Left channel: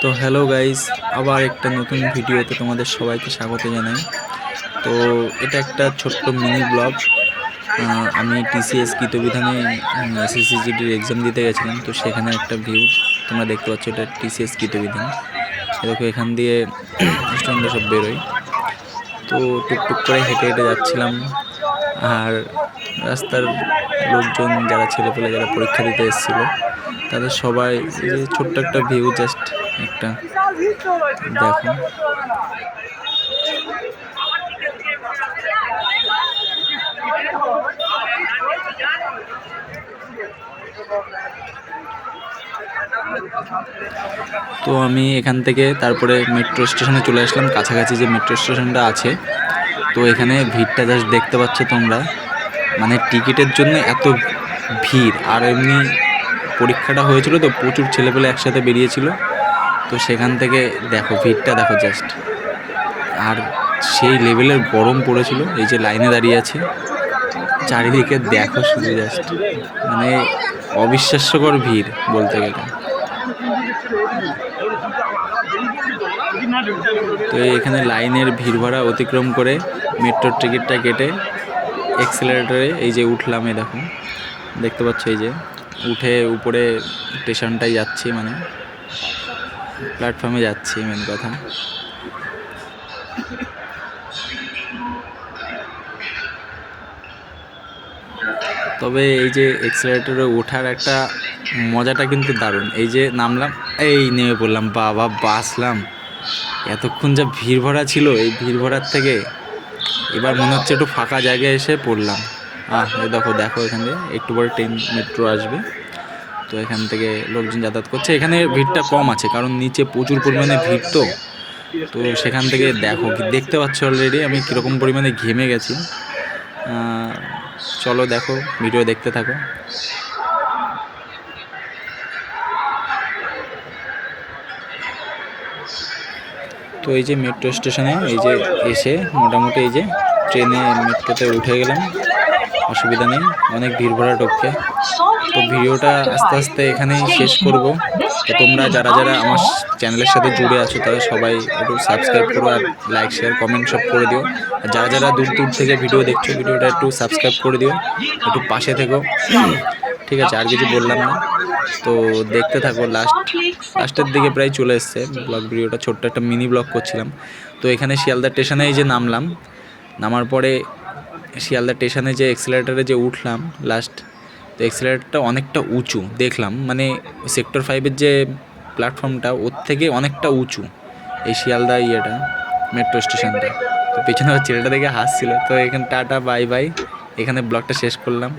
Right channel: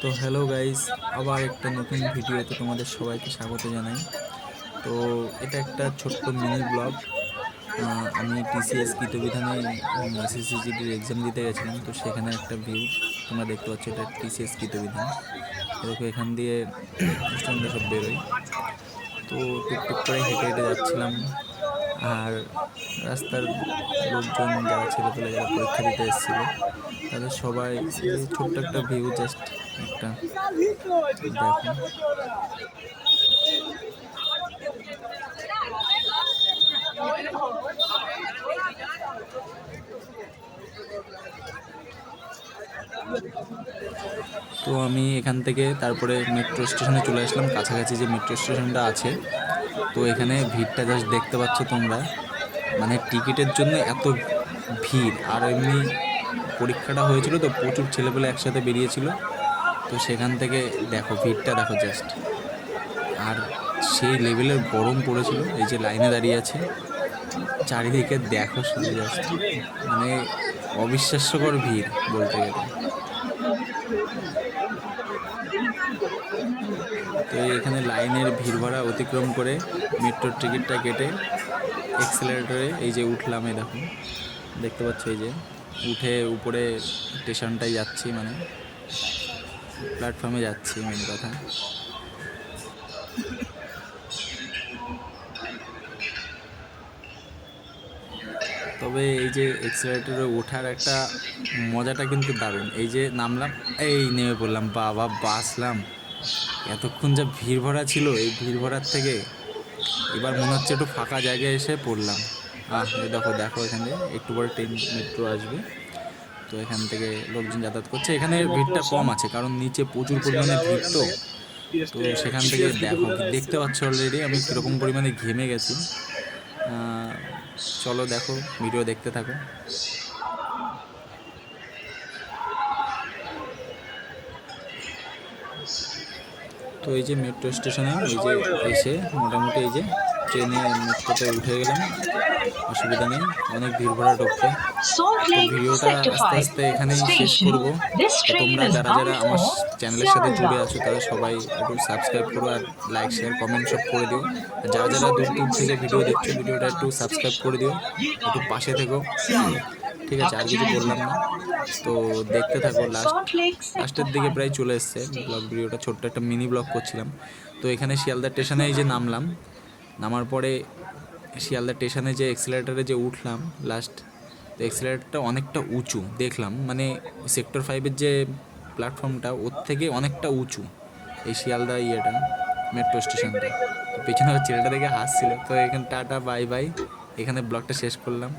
তো hello guys, আবার একটা নতুন ভিডিওতে তোমাদের সবাইকে স্বাগত জানাই। তো এটা একটা ছোট্ট মিনি ব্লগ। আমি টিসিএস গীতবিধানে এসএসসিজিডির এক্সাম দিতে গেছিলাম, তো সেখানে একটা ভিউ তোমরা দেখতে পাচ্ছ। এটা টিসিএস গীতবিধান। দেখো এখান দিয়ে স্টুডেন্টরা সব বেরোয়। তো টুকটুক করে হেঁটে হেঁটে যাচ্ছিলাম, আর রাস্তার লোকজন যারা ছেলেপেলে যারা পরীক্ষা দিতে এসেছিলো তাদের সবাই এই যে ছোট্ট একটা ভিউ, জাস্ট একটা দেখো। তো আমি এখান থেকে তারপরে মেট্রো স্টেশনে চলে আসলাম, কাছাকাছি যে মেট্রো স্টেশনটা আছে। তো এখানে ভিড়টা জাস্ট দেখতে পাচ্ছ তোমরা, মানে টিকিটের জন্য এত ভিড়। আর এমনি পরীক্ষাটা হয়েছিল তো প্রচুর ছেলেপেলে একসাথে বেরিয়েছিল, তো সেখান থেকে দেখো ভিড়টা দেখো জাস্ট। আর সেই লেভেলের গরম পড়েছিল, এই যে লাইনে দাঁড়িয়ে আছে, চারিদিকে দেখো শুধু জাস্ট, মানে অবিশ্বাস্যকর ভিড় বলতে গেলে। তো এখানে লাইনের ভিড় ভাড়া অতিক্রম করে মেট্রোর টিকিটটা কেটে এক্সেলারেটরে এই যে উঠলাম। এই দেখো দেখতে পাচ্ছ, এই যে উঠে উপরে স্টেশনটাই যাচ্ছি, মানে প্ল্যাটফর্মে যাচ্ছি মেন কথা। তবে এই যে এক্সেলারেটরে ওঠার একটা মজাটা কিন্তু দারুণ। এই যে নামলাম, এই নেমে পড়লাম, বাবা বাসলাম। এতক্ষণ যা ভিড় ভরা ছিল, এই ভিড় ভরার থেকে এবার মনে হচ্ছে একটু ফাঁকা জায়গায় এসে পড়লাম। এই দেখো দেখো এখানে একটু পরে ট্রেন মেট্রো আসবে, তো এখান থেকে লোকজন যাতায়াত করছে। এখানে ভিড়টা কম আছে কারণ নিচে প্রচুর পরিমাণে ভিড়। তো সেখান থেকে দেখো, দেখতে পাচ্ছ অলরেডি আমি কীরকম পরিমাণে ঘেমে গেছি। চলো দেখো, ভিডিও দেখতে থাকো। তো এই যে মেট্রো স্টেশনে এই যে এসে মোটামুটি এই যে ট্রেনে মেট্রোতে উঠে গেলাম, অসুবিধা নেই, অনেক ভিড় ভরা ঢোকে। তো ভিডিওটা আস্তে আস্তে এখানেই শেষ করব। তো তোমরা যারা যারা আমার চ্যানেলের সাথে জুড়ে আছো তারা সবাই একটু সাবস্ক্রাইব করো, আর লাইক শেয়ার কমেন্ট সব করে দিও। আর যারা যারা দূর দূর থেকে ভিডিও দেখছো, ভিডিওটা একটু সাবস্ক্রাইব করে দিও, একটু পাশে থেকো, ঠিক আছে? আর কিছু বললাম না, তো দেখতে থাকো। লাস্টের দিকে প্রায় চলে এসছে ব্লগ ভিডিওটা, ছোট্ট একটা মিনি ব্লগ করছিলাম। তো এখানে শিয়ালদা স্টেশনে এই যে নামলাম, নামার পরে শিয়ালদা স্টেশনে যে এক্সেলারেটারে যে উঠলাম লাস্ট, তো এক্সেলারেটারটা অনেকটা উঁচু দেখলাম, মানে সেক্টর 5-এর যে প্ল্যাটফর্মটা ওর থেকে অনেকটা উঁচু এই শিয়ালদা ইয়েটা, মেট্রো স্টেশনটা। তো পেছনে ছেলেটা দেখে হাসছিল। তো এখানে টাটা বাই বাই, এখানে ব্লগটা শেষ করলাম।